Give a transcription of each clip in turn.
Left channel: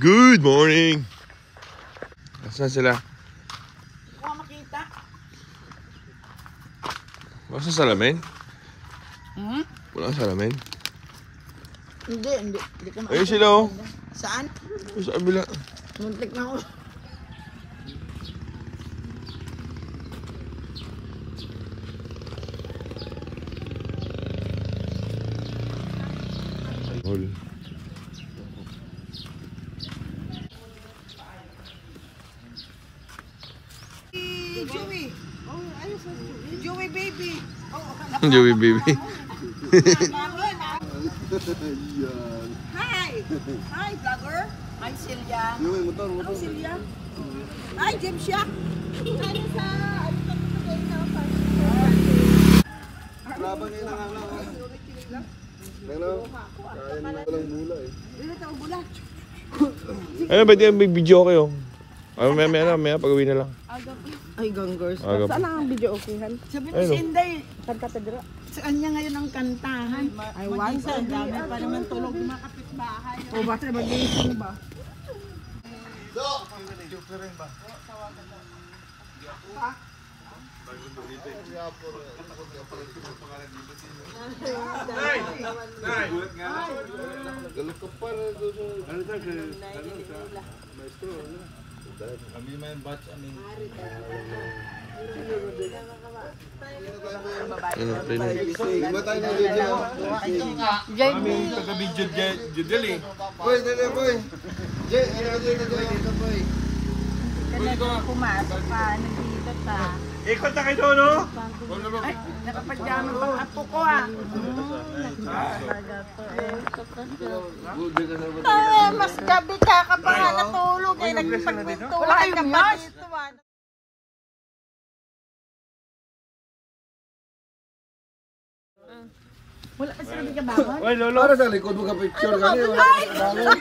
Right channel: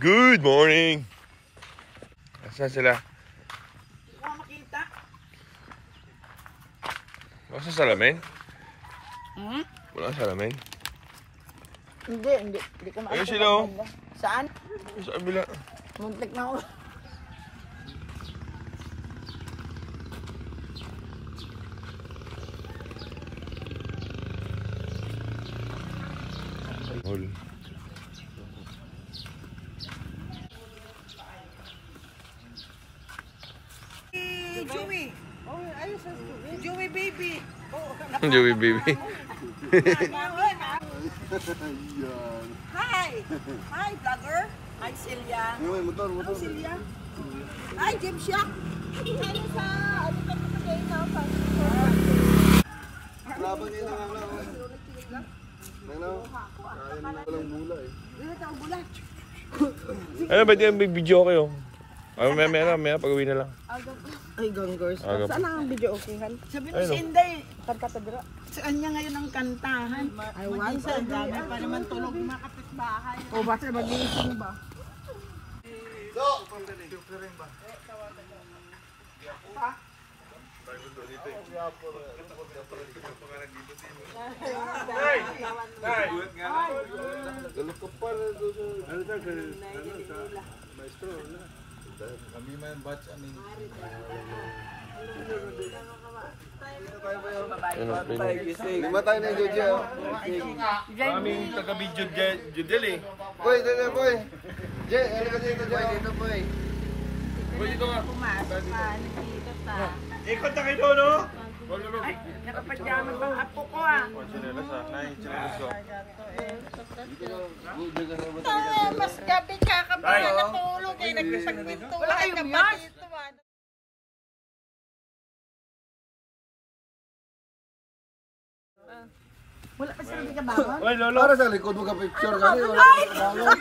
Good morning! Nasaan sila? Hindi ko makita. Wala sa salamin? Hmm? Wala sa salamin? Hindi ko makita. Ayun sila oh. Saan? Sa kabila. Muntik na ako. Hol. Joey. Oh, ayos sa Joey. Joey baby. Joey baby. Hi. Hi vlogger. Hi Celia. Yung motor. Hi Celia. Hi James Shack. Laban kayo ng ano. Hello. Kaya na walang bula eh. Dito tayo bulat. Ayun, ba't yung may video kayo? Ay, maya pag-uwi na lang. Ay, gonggers. Aga Saan ang video okayhan? Sabi ni si Inday. Kanta-tadra. Saan niya ngayon ang kantahan? Ay, once a dami pa naman tulog ng mga kapitbahay. O, basta mag-iisip ba? Galok ka pa na doon sa... Ano tayo? Maestro, ano? Kami may batch, amin. Ano, play na. Lima tayo na yung Jodel. Aming taga-video Jodel eh. Boy, dali boy. Jay, ano ka dito Jay? Dito boy. Boy, dito ka. Pumasok pa, nag-iilot na. Ikot na kayo doon, no? Ay, nakapadyami pang apo ko ah. Ay, mas gabi ka pa natulog eh. Nagpagpintuan. Wala kayong yas. Wala pa sila di ka bangon? Uy, lolo. Para sa likod mo ka picture ka rin. Wala ka bangon.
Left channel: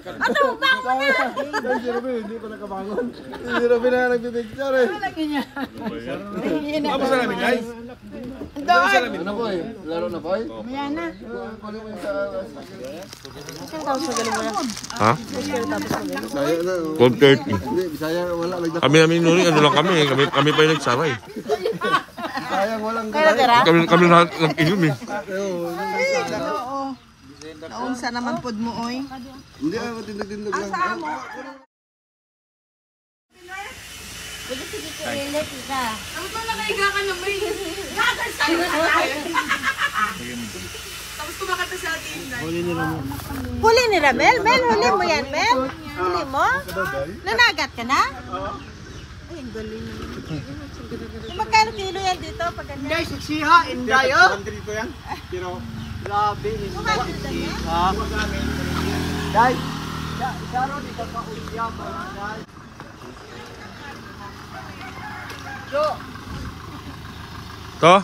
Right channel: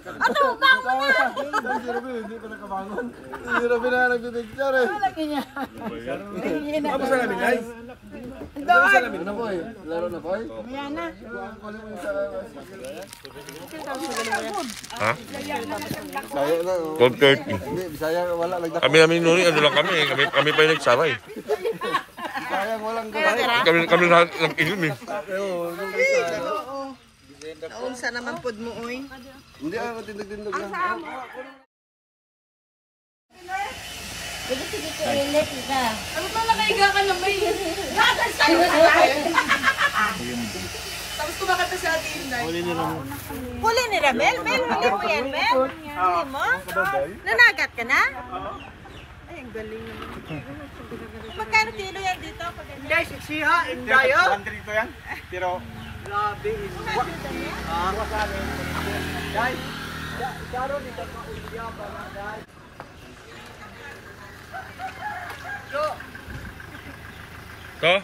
Ano, bangon na! Si Robin, hindi pa nakabangon. Si Robin na nagpipicture eh. Lagi niya. Apa sa namin, guys? Ano boy? Laro na boy? Ayan na. Ha? Bisaya na. 12:30. Hindi, Bisaya wala. Kami namin nuni, ano lang kami. Kami pa yung nagsabay. Sayang walang gano'n. Kami lahat nag-inom eh. Naunsa naman pod mo, oy. Hindi ako tindog-tindog lang. Ano ba nakahiga ka na may? Tapos kumakanta sa atin, Inday. Huli ni Ramel? Mel, huli mo yan, Mel? Huli mo? Nanagat ka na? Ay, ang galing naman. Magkano kilo yan dito? Inday, siksiha, Inday, oh! Dito yan. Pero, Grabe, Inday. Guys, isaro dito ka uliya pa. Guys. To?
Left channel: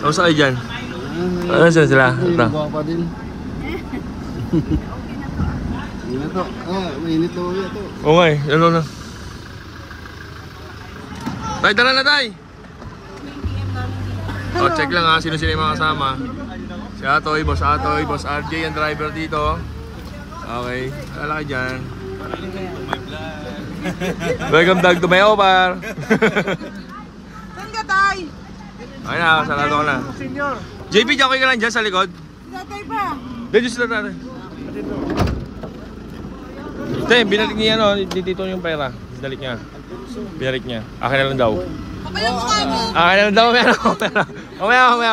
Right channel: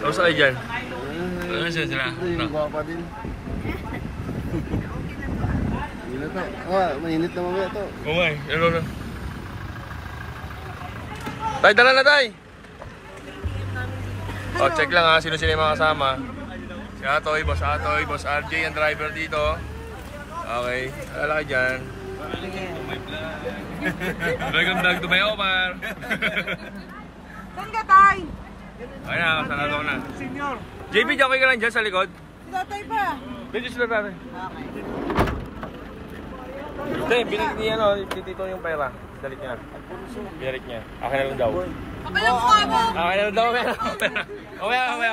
Kamusta kayo dyan? Ano sila? Ito. Guwapa din. Mainit to. Mainit na mamaya to. Oo nga eh, ano na. Tay, tara na tay! O, check lang ha, sino-sino yung mga kasama. Si Atoy, Boss RJ ang driver dito. Okay, alala ka dyan. Welcome back to my Omar. Saan ka, Tay? Ayun na, sarado ka na. Senyor. JP, okay ka lang dyan sa likod? Tatay pa. Dito sila tatay. Hindi, binalik niya dito yung pera. Binalik niya. Binalik niya. Akin na lang daw. Kapal ang mukha mo. Akin na lang daw, pera. Mamaya.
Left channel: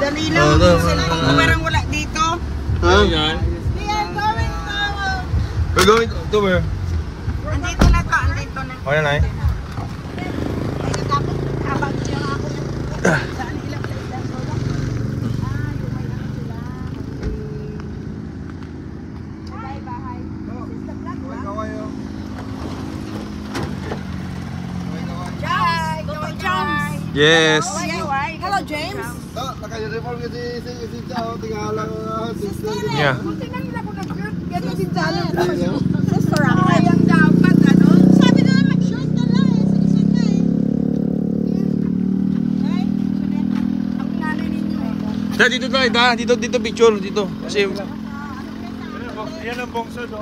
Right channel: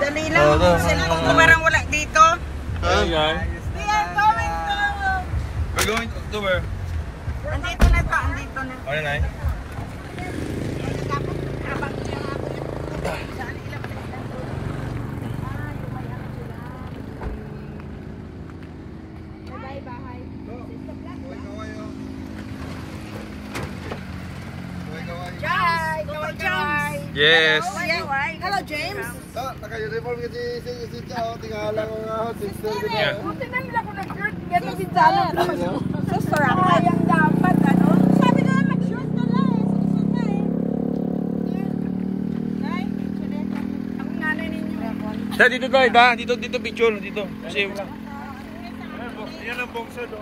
Dali lang, yung cellphone ko parang wala dito. Ayun yan. We are going to... We're going to where? Andito na to, andito na. O yan ay. Yes. Hello, James. Naka-uniform yung si Chao. Tingala ko nga. Yeah. Sister, ako yung dapat, ano? Sabi ko mag-shirt ka lang, sinisig na Dito tayo, dito picture, dito. Kasi Yan ang bongso, no?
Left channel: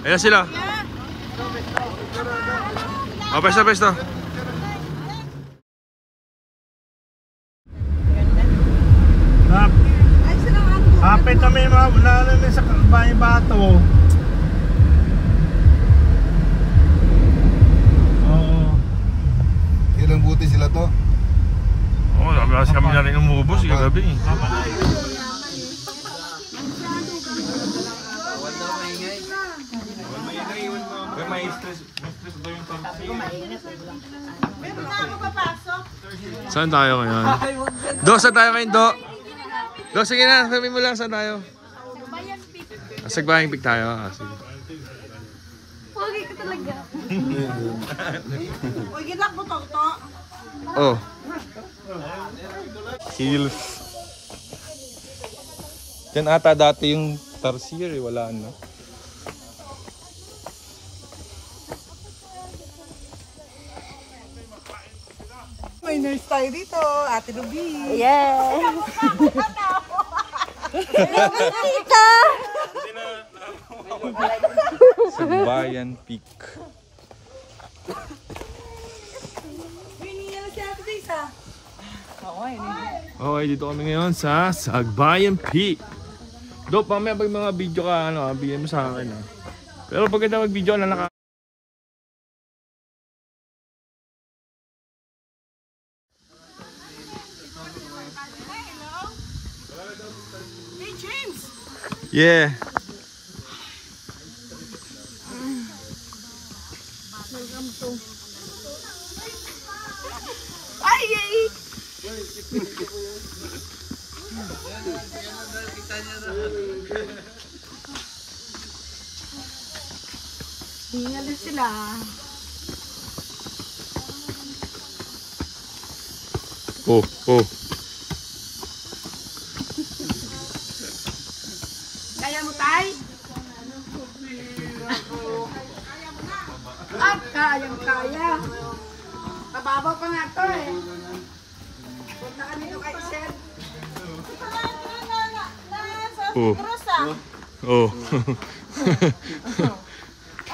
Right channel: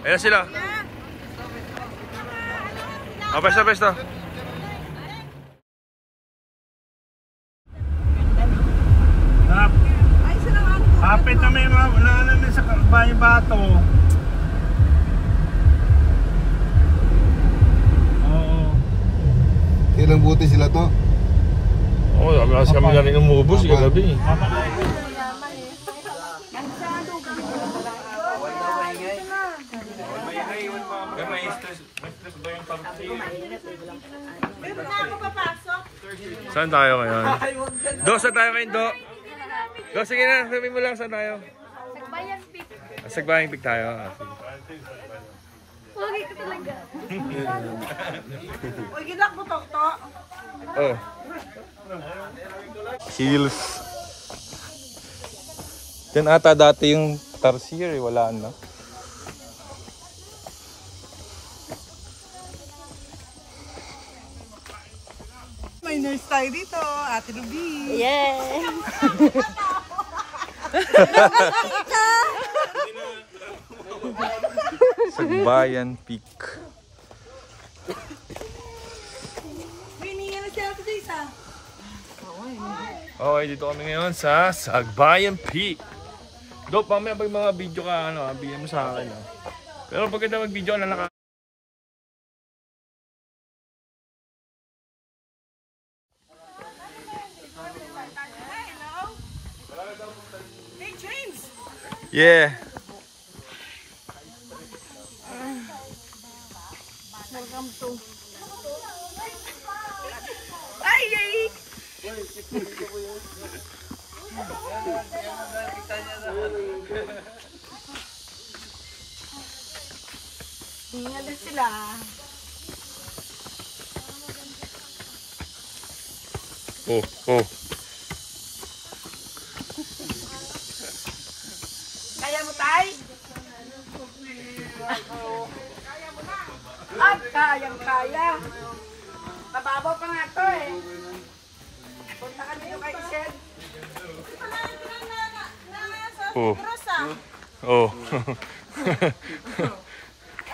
ayan sila. Oh, pesta. Kapit na may mga unanan sa Bahay Bato. Oo. Ilang buti sila to? Oh, kasi kami na rin umubos kagabi. May stress daw yung pag-sing. Saan tayo ngayon? Saan tayo ngayon, Do? Sige na, sabihin mo lang saan tayo. Sagbayan Peak. Sagbayang Peak tayo. Sige. Pogi ka talaga. Uy, ginak mo to. Oh. Hills. Yan ata dati yung Tarsier, wala na. May nurse tayo dito, Ate Ruby. Yeah. Sagbayan Peak. Hininga na si Ate Disa. Okay, dito kami ngayon sa Sagbayan Peak. Do, pamaya pag mga video ka, bigyan mo sa akin. Pero pagkita mag-video ka na Hey, James! Yeah. Welcome to... Ay, yay! Hingali sila. Oh. Kaya mo, Tay? Kaya. Kababaw pa nga to eh. Punta ka dito kay Shed. Oh. Oh.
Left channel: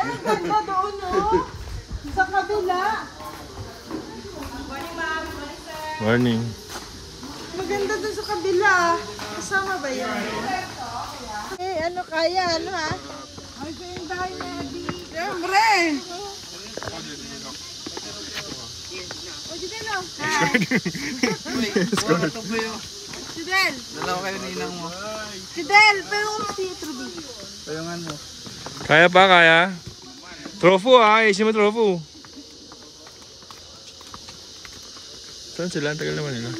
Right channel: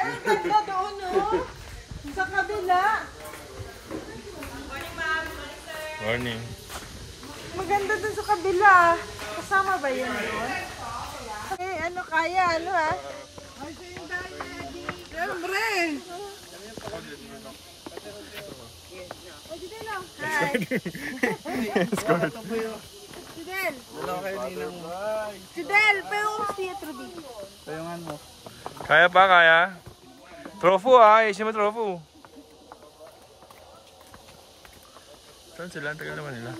Ang ganda doon, no? Sa kabila. Morning. Maganda doon sa kabila. Kasama ba yun? Eh, kaya, ha? Ay, sa'yo tayo na, Adi. Siyempre! O, Jidel, o. Hi! Jidel! Dalawa kayo ninang mo. Jidel, pero si Truby. Tulungan mo. Kaya pa, kaya? Trofu isin mo trofu. Saan sila? Ang tagal naman nila.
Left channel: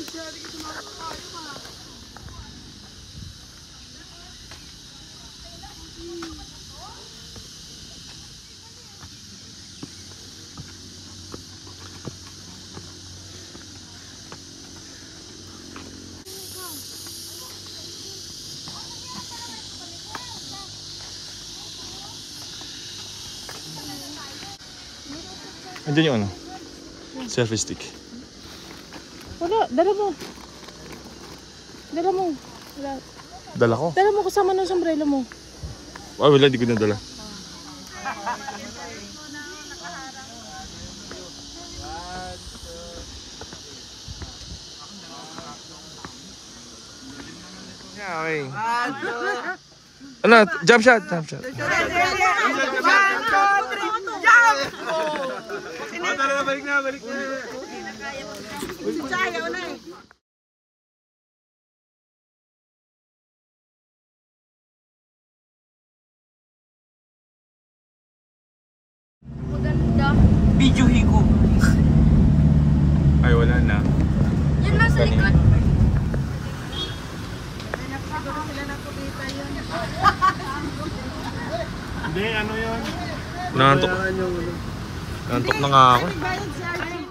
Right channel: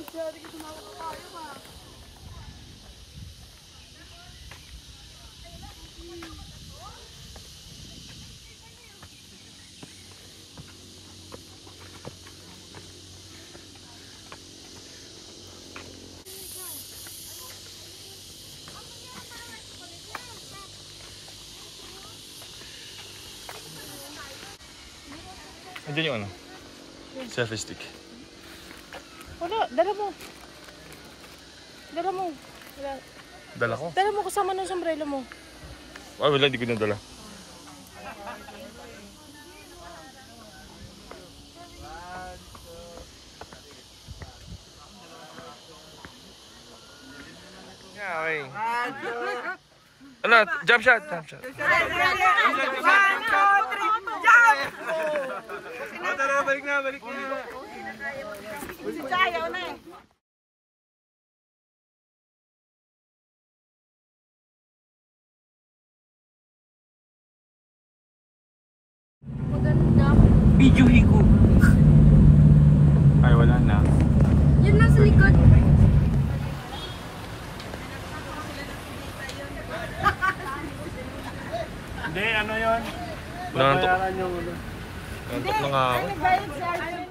Andiyan yung ano? Selfie stick. Wala, dala mo. Dala ko? Dala mo kasama ng sombrero mo. Wala, hindi ko na dala. Yeah, okay. Ano? Jump shot. 1, 2, 3, jump! Tara, balik na. Si Chayaw na eh. Maganda. Video higo. Ay, wala na. Yun lang sa likod. Hindi, ano yun? Nangantok. Nangantok na nga ako. Nagbayad si Arjun.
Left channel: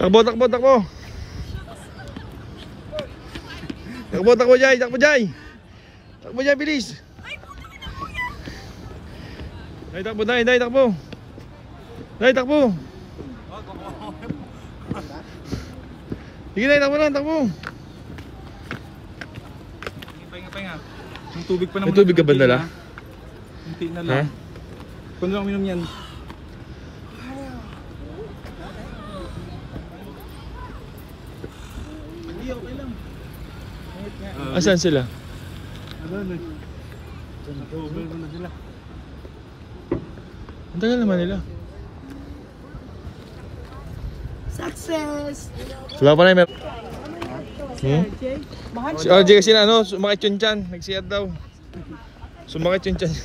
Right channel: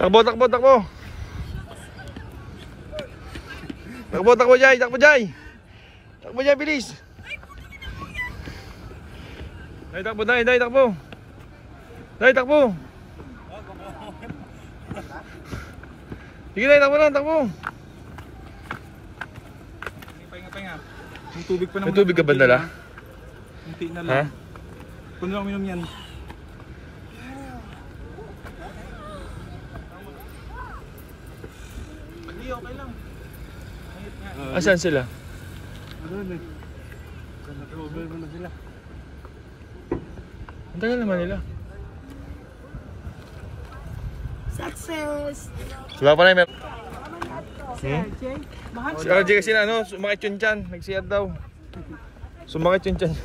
Takbo, takbo, takbo. Takbo, takbo, Jai, takbo, Jai. Takbo, Jai, bilis. Dai, takbo, Dai, Dai, takbo. Dai, takbo. Sige, Dai, takbo lang, takbo. Pahinga. Yung tubig pa naman. May tubig ka ba dala? Kunti na Ha? lang. Kung lang minum yan. Hindi, okay lang. Asan sila? Ano eh. Nag-over mo na sila. Ang tagal naman nila. Success! Wala pa na yung Si RJ kasi na ano, sumakit yung tiyan. Nagsiyat daw. Sumakit yung tiyan.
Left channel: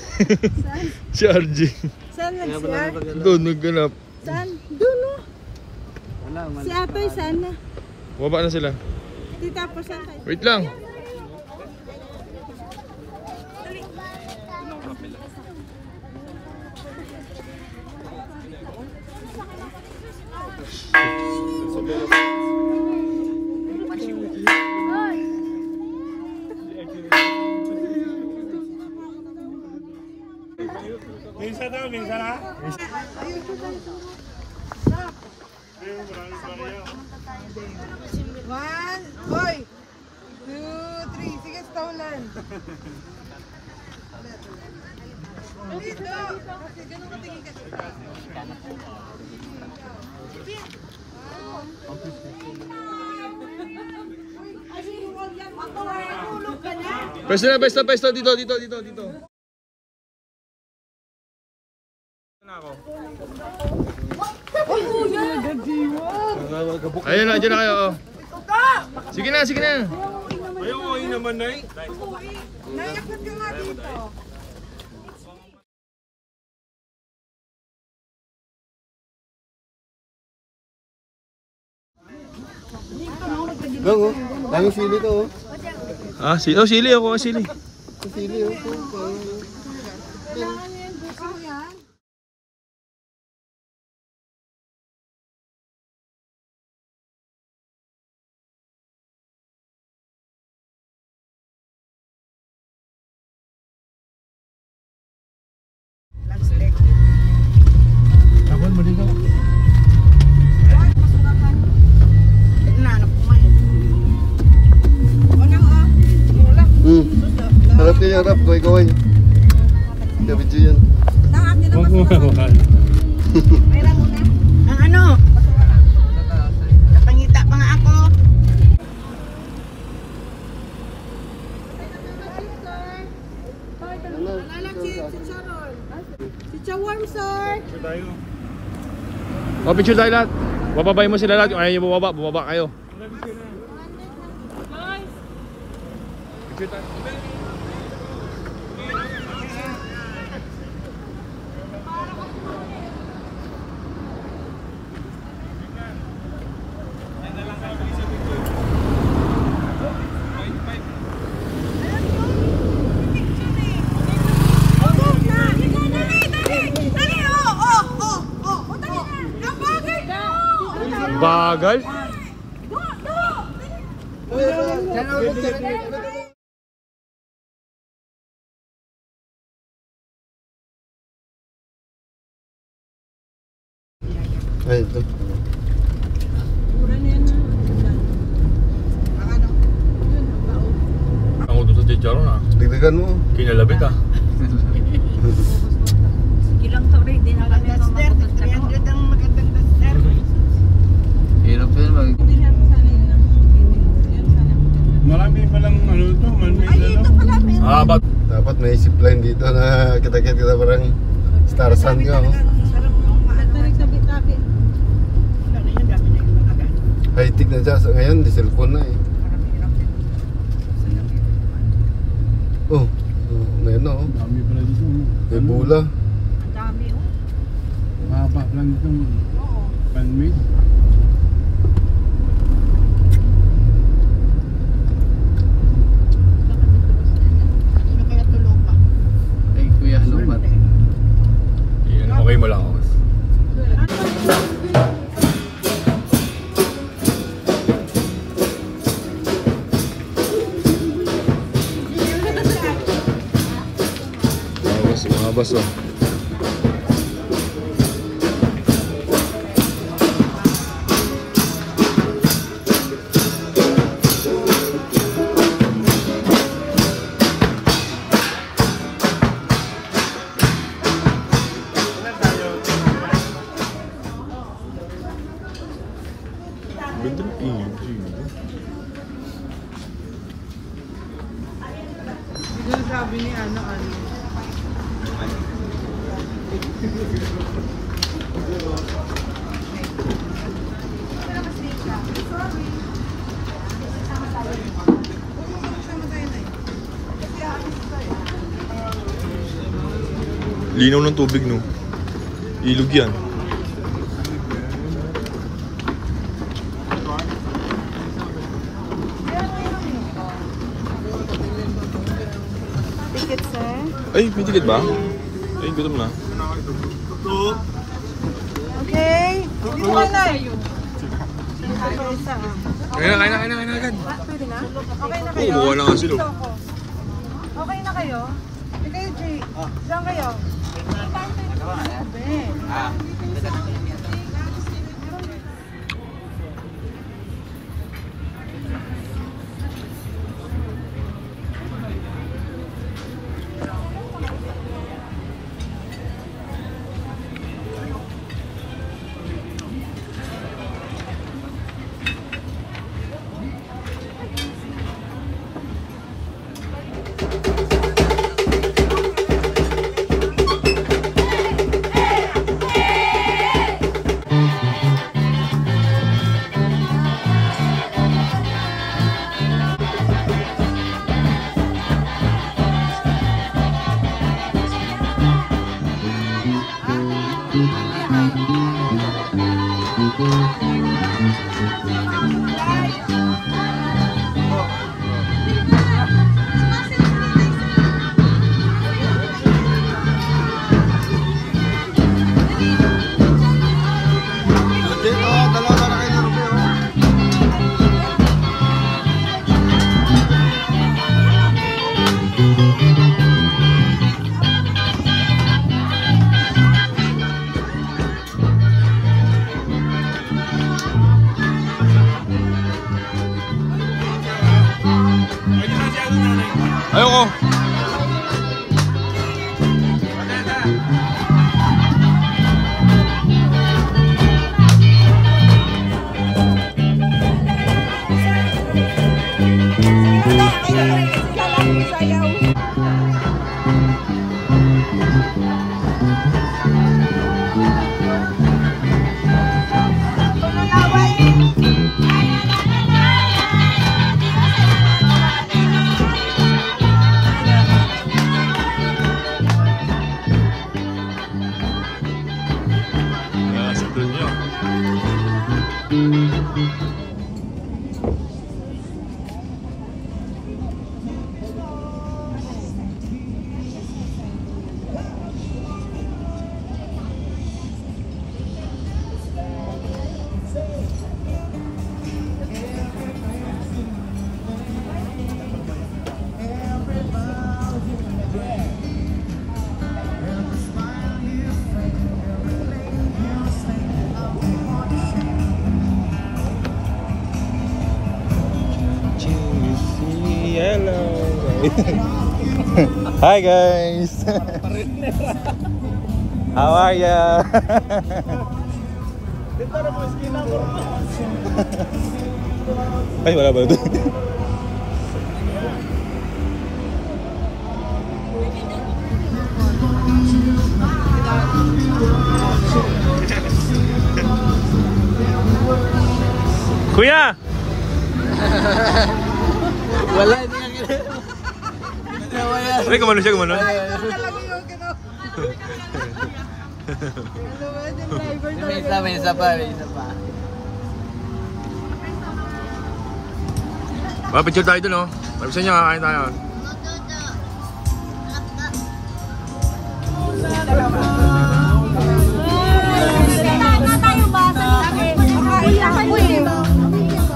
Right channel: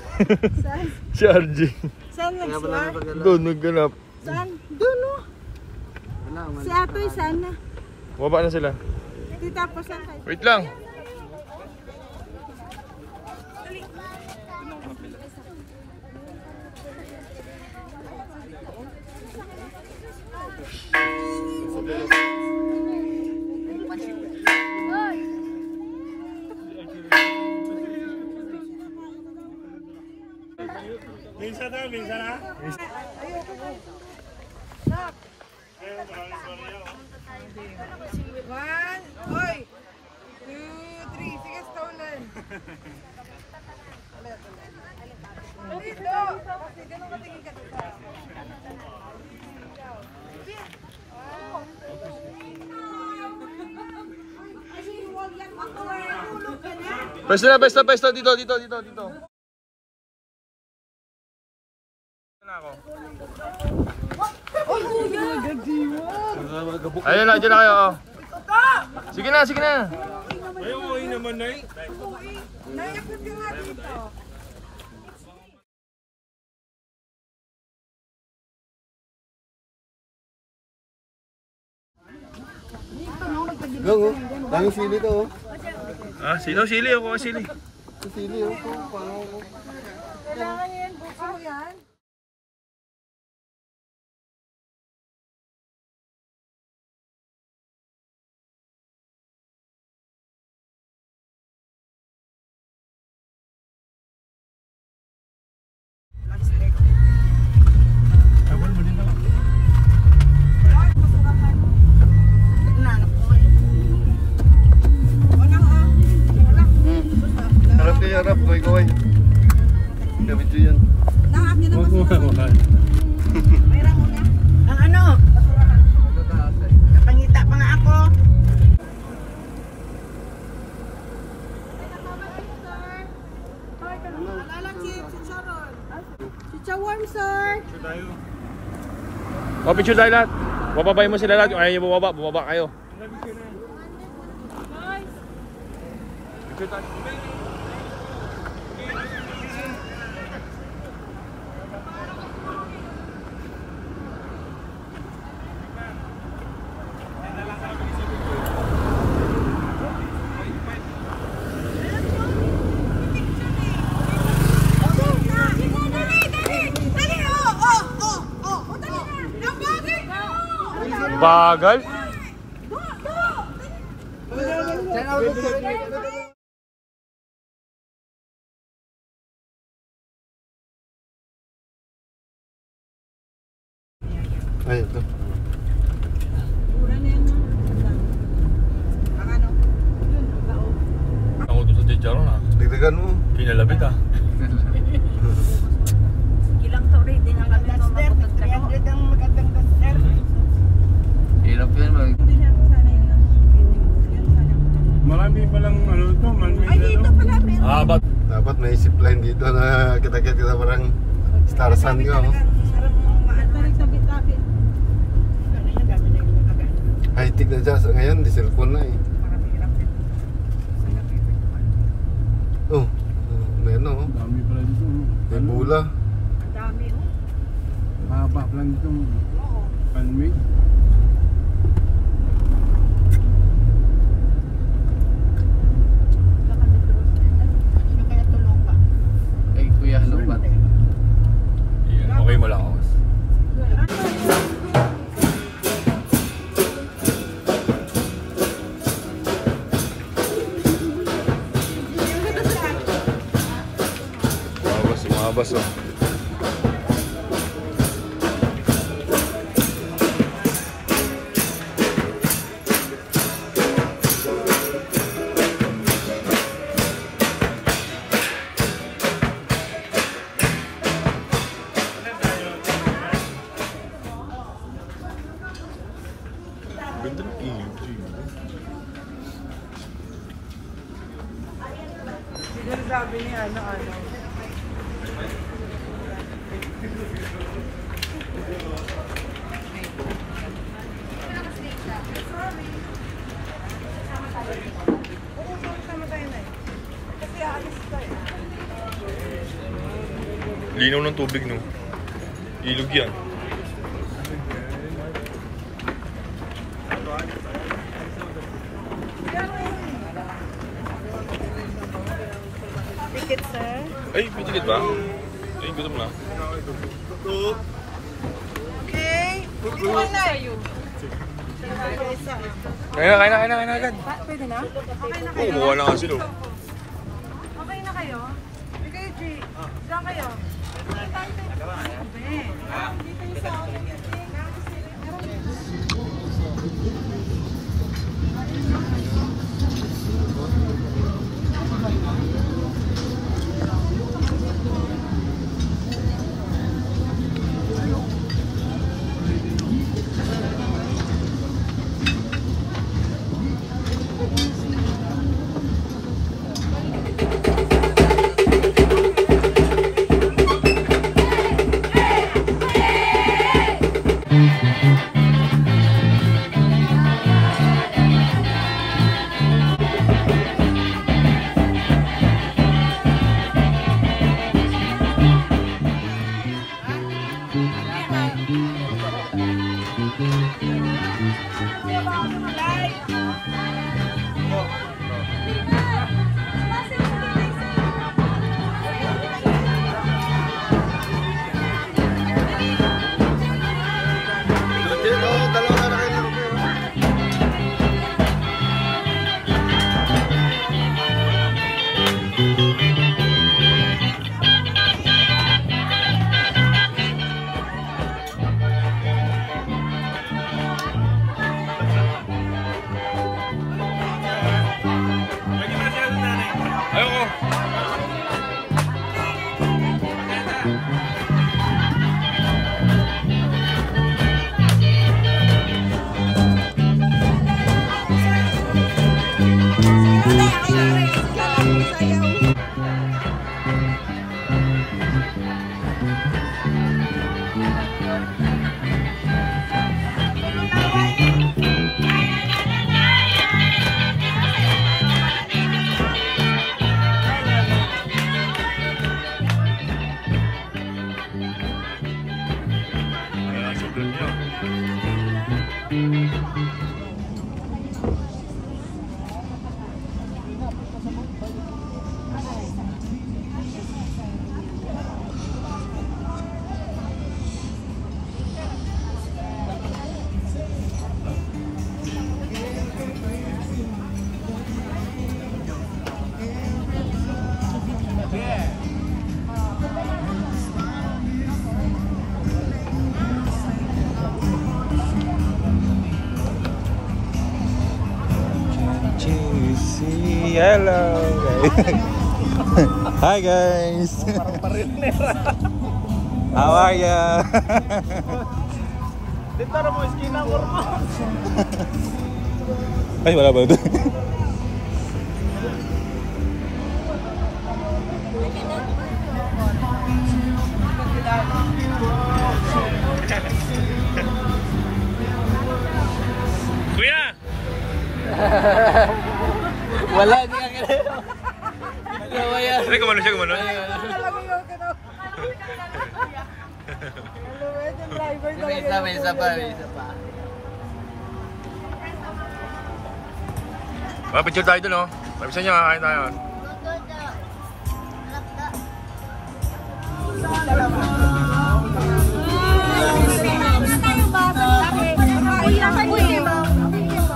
Si RJ. Saan nag-siya? Doon, nagganap. Saan? Doon o. Si Atoy saan na? Baba na sila. Di tapos saan tayo? Wait lang. Minsan na. One, hoy! 2, 3, sige, stolen. Pesto dito. Na ako. Ayun na, dyan na kayo. Oh. Sige na. Ayaw mo naman, Nay. Naiakot ka nga dito. Gang, oh. Daming sili to, oh. Ah, sili ako, sili. Sili, oh. Kailangan yan, buko mo yan. Harap kayo, harap. Gaway. Video yan. Huwag mo kakuhan. Ang ano? Napangita pa nga ako. Chicha warm, sir. Oh, picture tayo lahat. Bababay mo sila lahat. Yung ayaw nyo bumaba kayo. Picture tayo. Bagal. Ay, ito. Ako doon sa Jejaro na. Dagdagan mo. Kinalabit ah. Ilang tauri din ang kami mga 300 ang magandang duster. Hirap yun mag... Marami palang ano to, malmig Ay, dito pala meron. Bag. Dapat may zipline dito na kita parang Star Sun ka, oh. High-tech na siya. So, ngayon, di cellphone na eh. Oh, ngayon oh. Dami pala dito. May bula. Ang dami, oh. Mahaba pala dito. Pan-made. Ano kaya tulong pa? Ay, kuya, lumat. Okay mo lang ako. Mga baso. Ganda ng EG. Sabi niya, ano. Linaw ng tubig, no? Ilog yan. Ticket, sir. Ay, may ticket ba? Ay, gutom na. Okay. Dito ka na. Kain na agad. Pwede na? Okay na Oo, kayo? buka na nga sila. Okay na kayo? Hindi kayo, G. Diyan kayo. Ayoko. Sa doon nyo. Hello hi guys. How are ya? Ay, wala ba ito? Kuya! Wala, hindi ka kaya. Ay, kumano siya, kumano? May isa pa. Picture tayo dun, oh. Pabisan nyo, kakain tayo.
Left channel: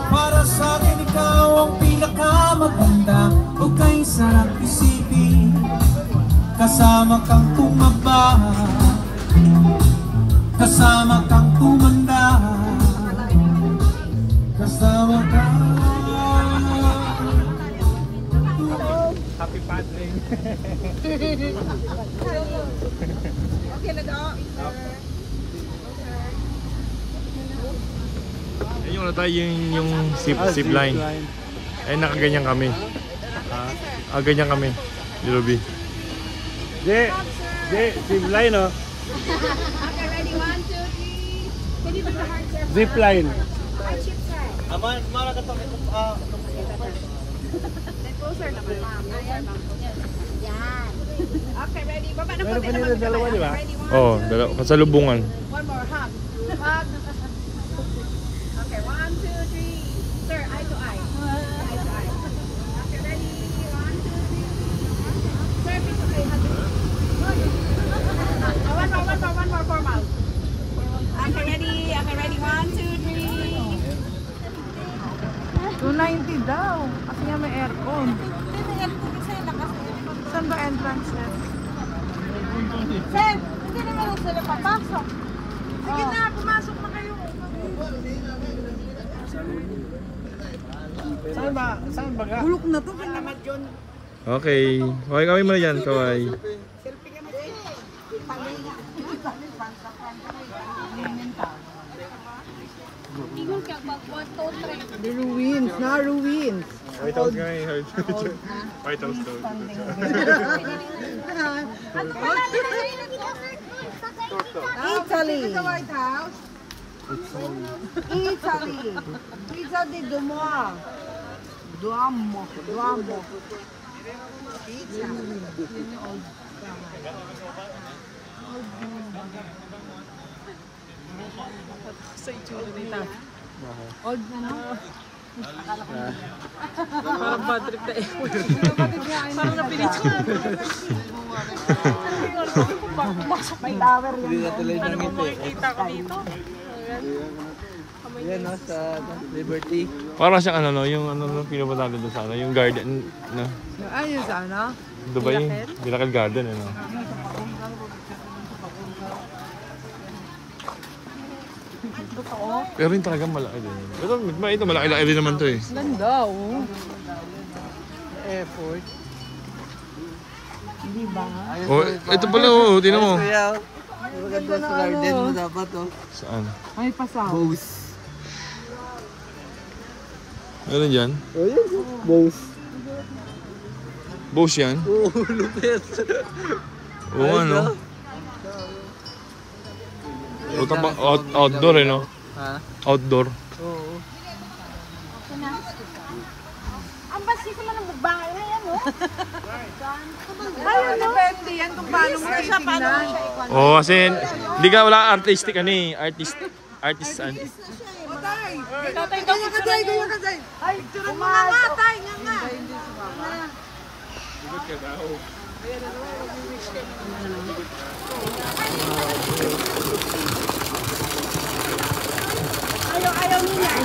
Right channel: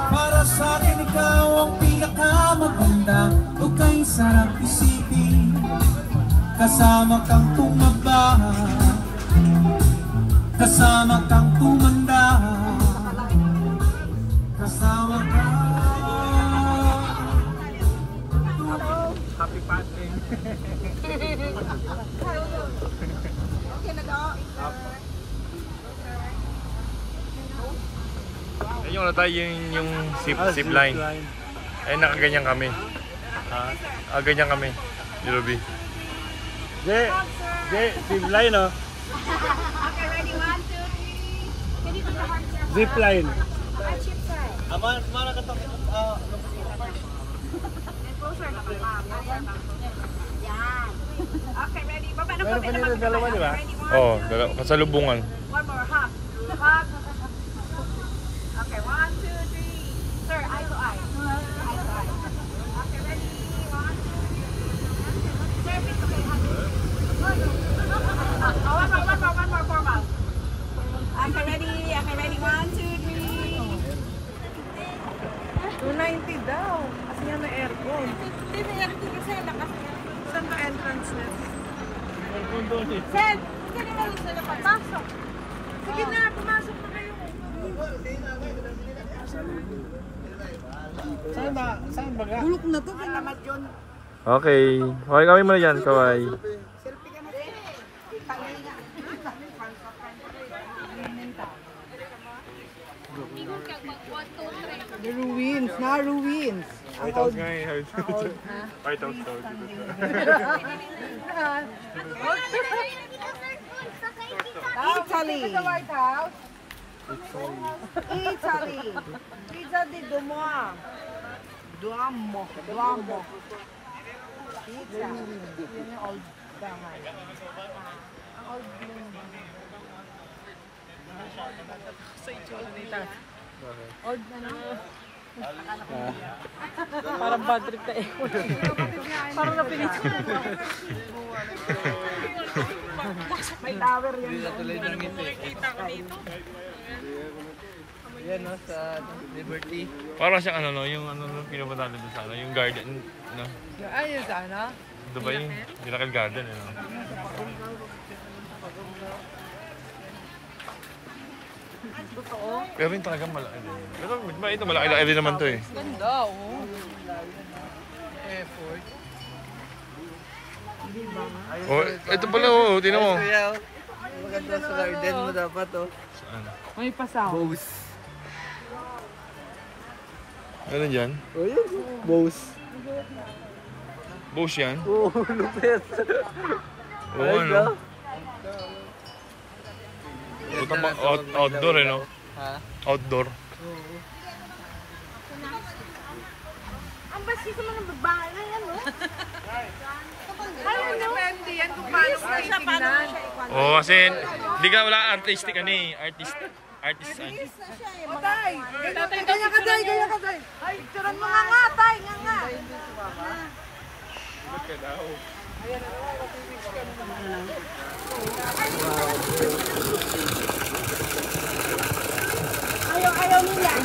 Para sa akin ikaw ang pinakamaganda, huwag kang sarap isipin. kasama kang tumaba, kasama kang tumanda, kasama kang Happy paddling. Okay na daw. Ayun yung tayo yung zip line. Ay nakaganyan kami. Ganyan kami. Ruby. Zip line, oh. Zip line. Okay, ready? Baba na Meron pa nila dalawa, di ba? Oo, kasalubungan. One more, ha? Okay, 1, 2, 3. Sir, eye to eye. Eye to eye. Okay, ready? 1, 2, 3. Sir, pick up your hand. One more, formal. Okay, ready? Okay, ready? 1, 2, 3. 290 daw. Kasi nga may aircon. Saan ba entrance na? Sir, hindi naman sila papasok. Sige na, pumasok na kayo. Saan ba ga? Bulok na to. Kailangan yun. Okay. Okay kami muna dyan, kaway. The ruins. Na ruins. White House nga eh. White House to. Italy. Italy. Pizza di Duomo. Duomo. Pizza. Yun yung old bahay. Ang old sa itsura nito. Old na no? Akala ko na yan. Parang bad trip na eh. Parang napilit siya. May tower yan. Hindi na tuloy ng ngiti. Yan no, sa Liberty. Parang siyang ano no, yung ano no, pinapatalo doon sa ano, yung garden no. Ayun sa ano? Diba yung Miracle Garden eh no. Pero yung talagang malaki din. Ito malaki-laki rin naman to eh. Ganda oh. Airport. Oh, ito pala oh, tingnan mo. Kuya, maganda sa garden mo dapat oh. Saan? May pasaw. Bose. Meron dyan? Oh yun, Bose. Bose yan? Oh, lupit. Oo ano? Outdoor eh no? Ha? Outdoor. Oo. Ang basis mo ng babae na yan, oh. Ayun, depende yan kung paano mo titignan. Oo kasi hindi ka wala artistic ano eh. Artist ano. Tay! Ganyan ka, Tay! Ganyan ka, Tay! Ay, picturean mo nga, Tay! Nga nga! Ikot ka daw. Ayaw nila.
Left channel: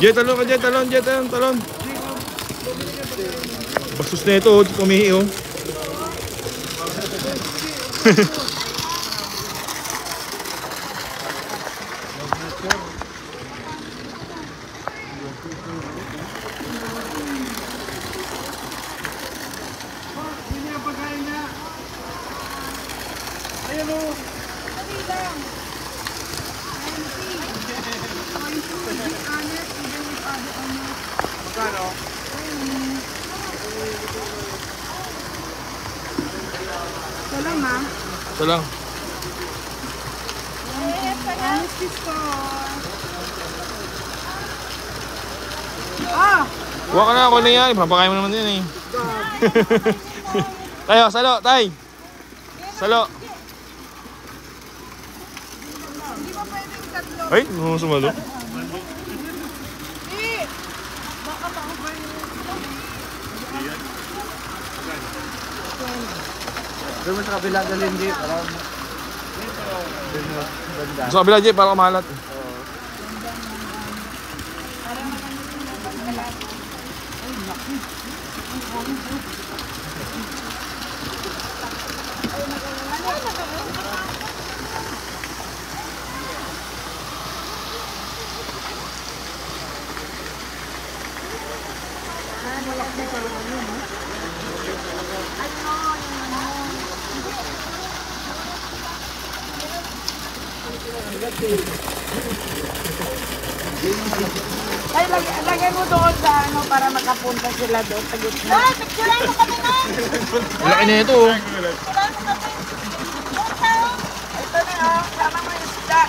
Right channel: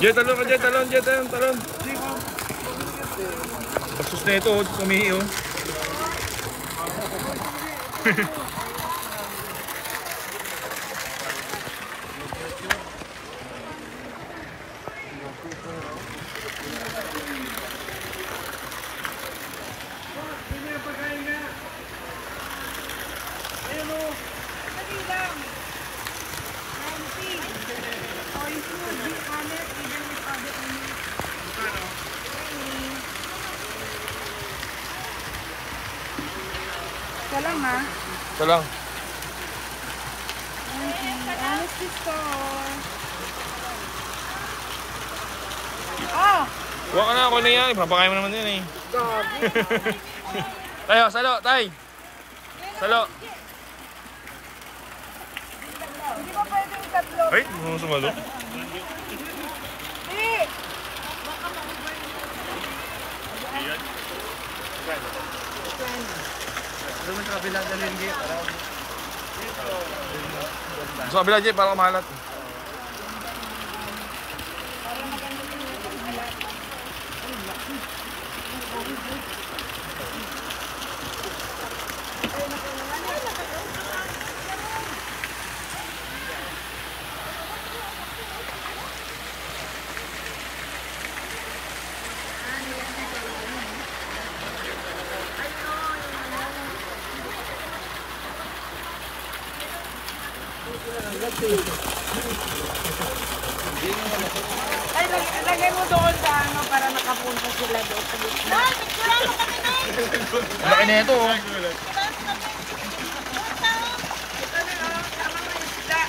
Jet, talon ka, Jet, talon. Bastos na ito, kumihi oh. Ito lang, ha? Ito lang. Honesty store. Ah! Kuha ka na ako na yan. Papakain mo naman yan eh. Tayo, salo, tay. Salo. Ay, mo sumalo. Doon mo sa kabila dalhin di para Sa kabila, Jay, para kumalat. Ay, lagay mo doon sa ano para makapunta sila doon. Laki na ito, oh. Ito na, oh. Tama mo yung isda.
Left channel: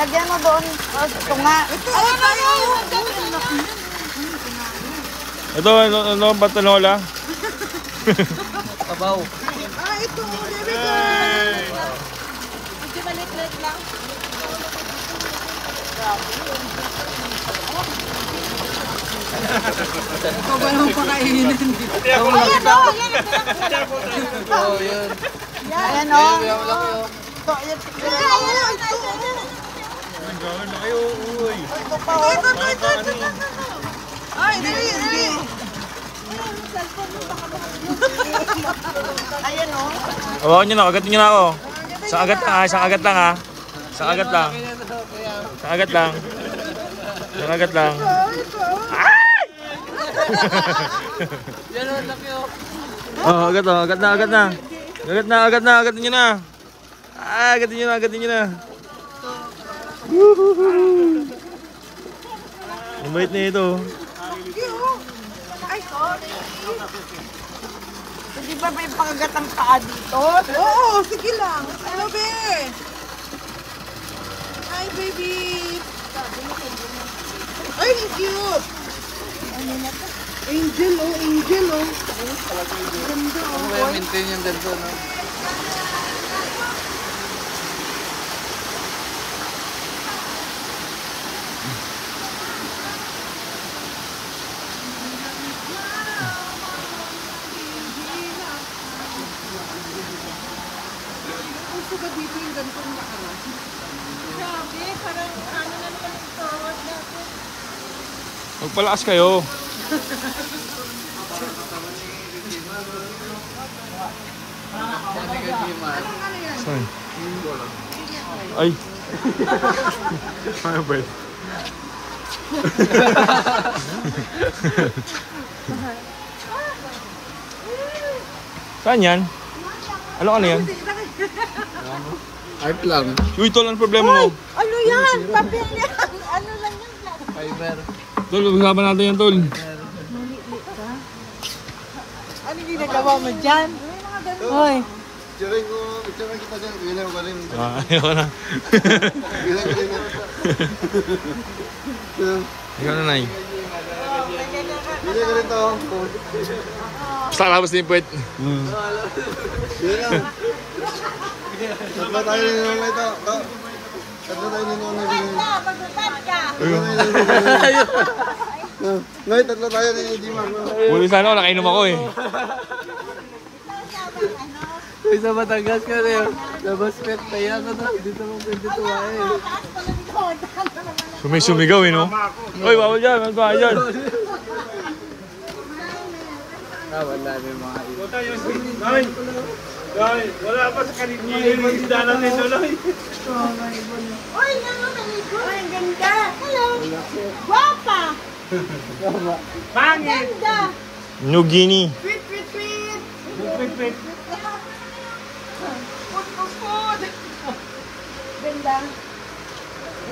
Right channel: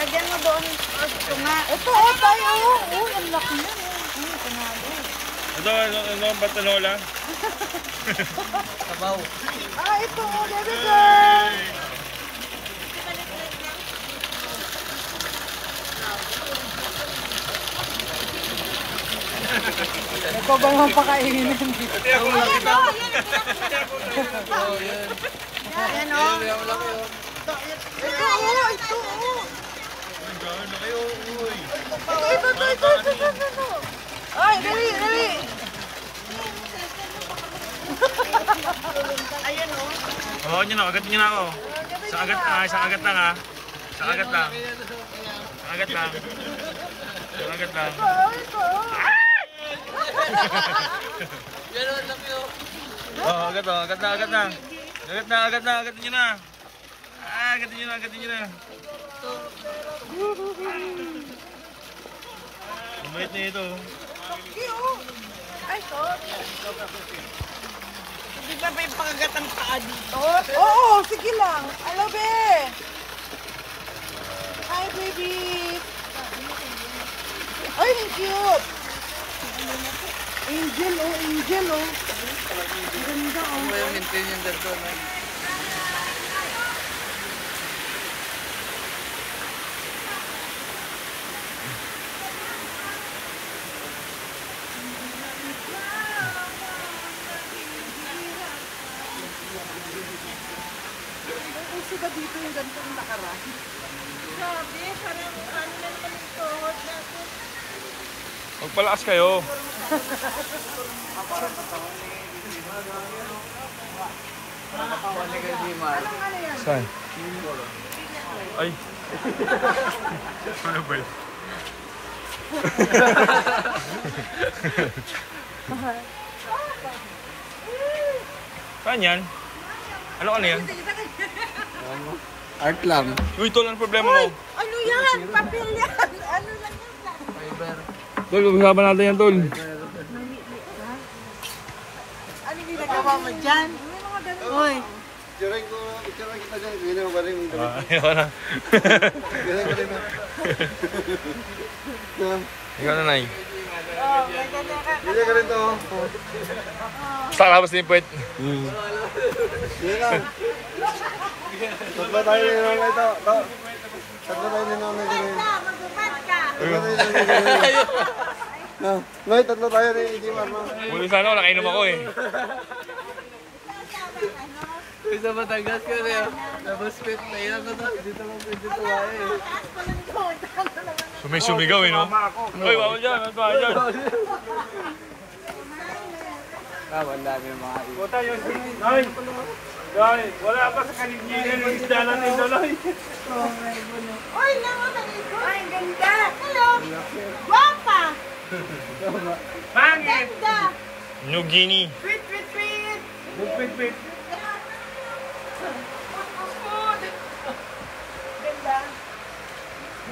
Lagyan mo doon. Oh, ito nga. Ito, ang laki yan. Ito, ano ba tanola? Ah, ito mo, baby girl. Ito maliit lang. Ikaw ba naman pakainin ng dito? Ayan, oh. Ayan, oh. Ito, ayan. Ito. Ay, dali. Ayan, oh. Hawakan nyo na, agatin nyo na ako. Isang agat lang ha, isang agat lang ha. Isang agat lang. Isang agat lang. Isang agat lang. Oh, agat na, agat na, agat na. Agat na, agat na, agatin nyo na. Ah, agatin nyo na, agatin nyo na. Ang bait na ito. Ay, sorry. Hindi ba may pakagat ang paa dito? Oo, sige lang. Ano, be? Hi, baby. Ay, ang cute. Ano na to? Angel, angel. Ganda, Ano ba yung maintain yung dyan doon? Gusto ba dito yung ganitong nakaraan? Grabe, parang ano na naman yung forward natin. Magpalakas kayo. Saan? Ay. Ano ba yun? Saan yan? Ano yan? Art lang. Uy, tol, ano problema mo? Ano yan? Papel yan. Ano lang yan? Fiber. Tol, pag-usapan natin yan, tol. Ano ginagawa mo dyan? May mga ganun. Hoy. Picturein kita dyan. Ganyan mo galing. Ayoko na. Ganyan galing. Ikaw na, Nay. Ganyan galing to. Basta kalabas din yung puwet. Ganyan lang. Tatlo tayo ninonay ito. Tatlo tayo ninonay ganyan. Magbubad ka. Ngay, tatlo tayo ni Mark. Huli sana ako, nakainom ako eh. Isa Batangas ka rin. Tapos pet kaya ka na. Dito mo pwede tuwain eh. Sumisumigaw eh, no? Uy, bawal dyan, ano ka dyan? Wala pa sa kaligyan yung isda natin doon. Uy, nangunaligo. Ay, ang ganda. Hello. Guwapa. Pangit! Ganda. New Guinea. Tweet, tweet, tweet. Pit. Food. Ganda.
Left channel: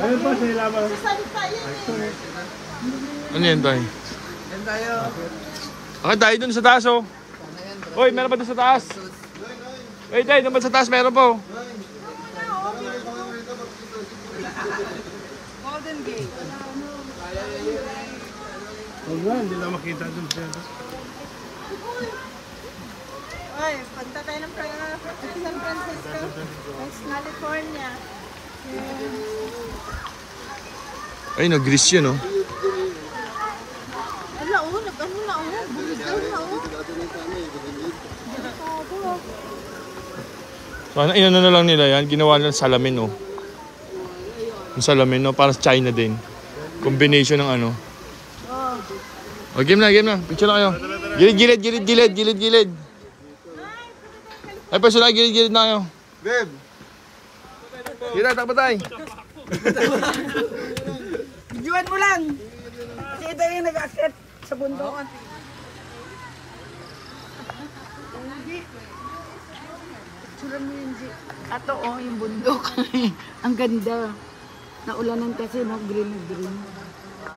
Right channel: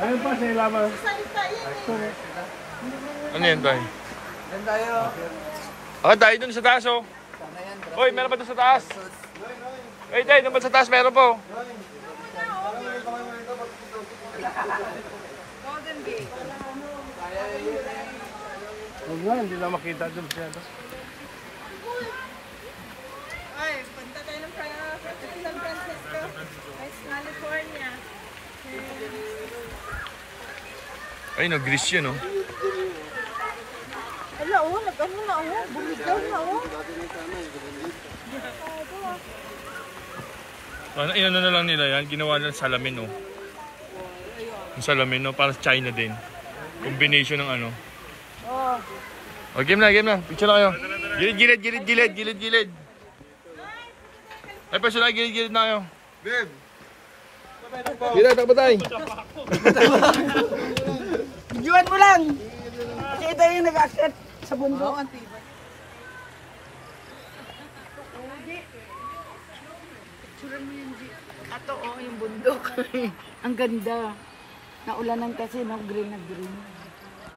Ano po sila ba? Salita yan eh. Ano yan, Tay? Yan tayo. Akit tayo dun sa taas, oh. Uy, meron pa dun sa taas. Uy, Tay, naman sa taas, meron po. Golden Gate. Hindi na makita doon siya. Ay, punta tayo ng San Francisco. West California. Ay, no-grease yun, oh. Ala, oh, nag-ano na, oh. Bumigaw na, oh. Delikado. Paano, inano na lang nila yan, ginawa nila salamin, oh. Yung salamin, no? Para sa China din. Combination ng ano. Oh, game na. Picture na kayo. Gilid. Ay, personal, gilid na kayo. Dave! Gilid, takbo tayo. Videoan mo lang. Kita yung nag-akit sa bundok. Ato, yung bundok. Ang ganda. Naulanan kasi, no? Green na green.